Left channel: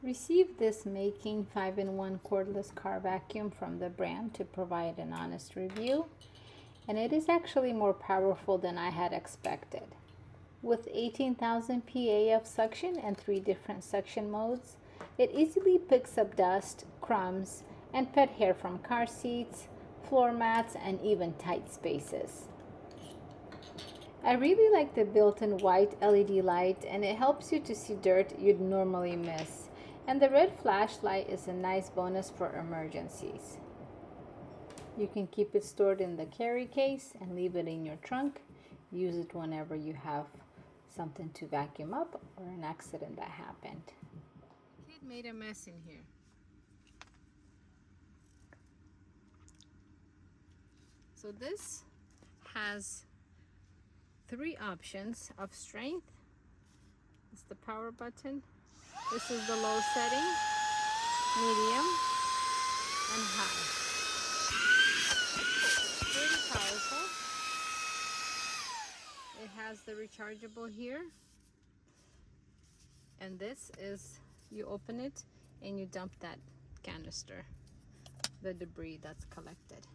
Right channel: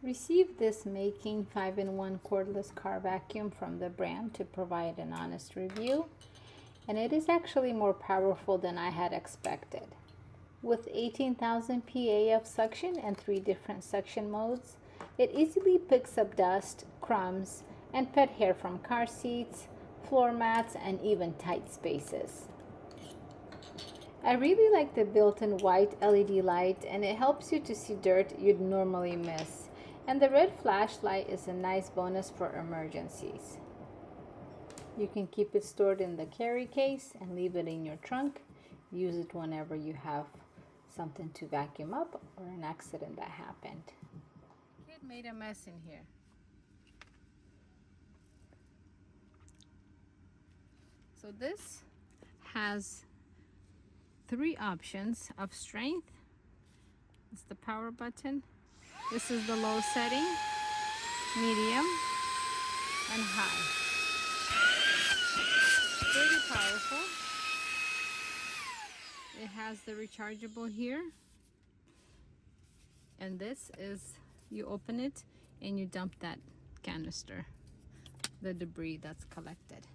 Received this Mayking 5-in-1 cordless car vacuum from the brand to provide an honest review, and it is actually more powerful than I had expected. With 18,000 PA of suction and 3 different suction modes, it easily picks up dust, crumbs, and pet hair from car seats, floor mats, and even tight spaces. I really like the built-in white LED light, and it helps you to see dirt you'd normally miss. And the red flashlight is a nice bonus for emergencies. You can keep it stored in the carry case and leave it in your trunk. Use it whenever you have something to vacuum up or an accident that happened. Kid made a mess in here. So this has 3 options of strength. It's the power button. This is the low setting, medium, and high. Pretty powerful. It has the rechargeable here. And this is, you open it and you dump that canister, the debris that's collected.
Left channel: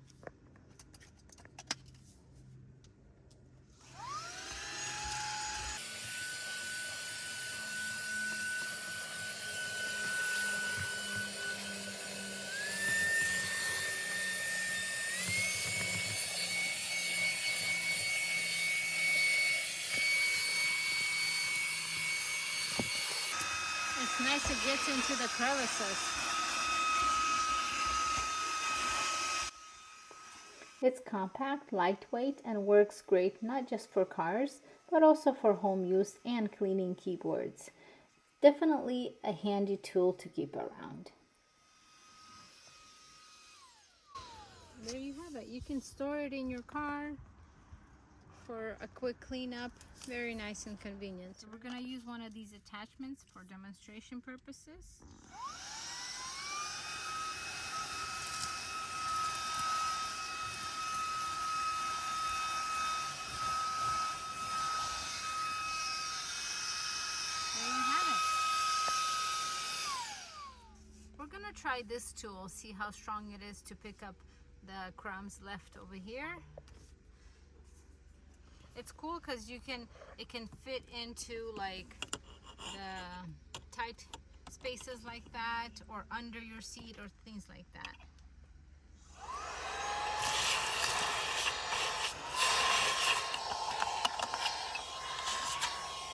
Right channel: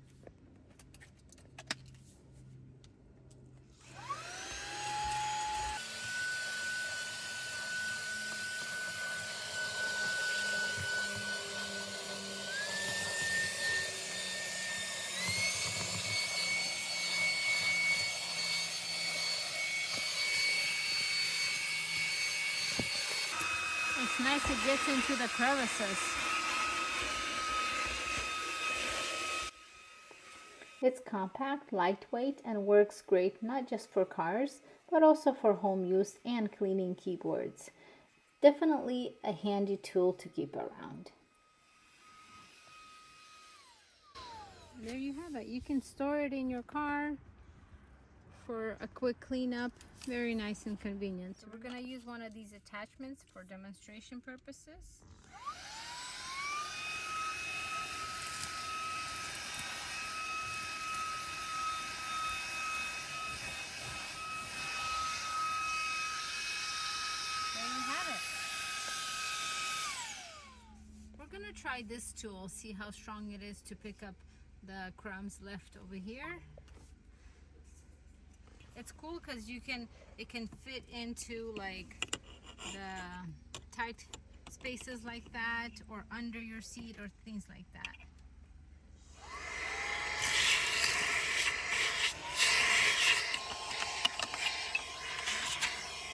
It's nice, it gets into the crevices. It's compact, lightweight, and works great not just for cars, but also for home use and cleaning keyboards. Definitely a handy tool to keep around. There you have it. You can store it in your car for a quick cleanup. Very nice and convenient. So we're going to use one of these attachments for demonstration purposes. There you have it. We're going to try this tool, see how strong it is to pick up the crumbs left over here. It's cool because it can fit into like the tight spaces like that, or under your seat or things like that.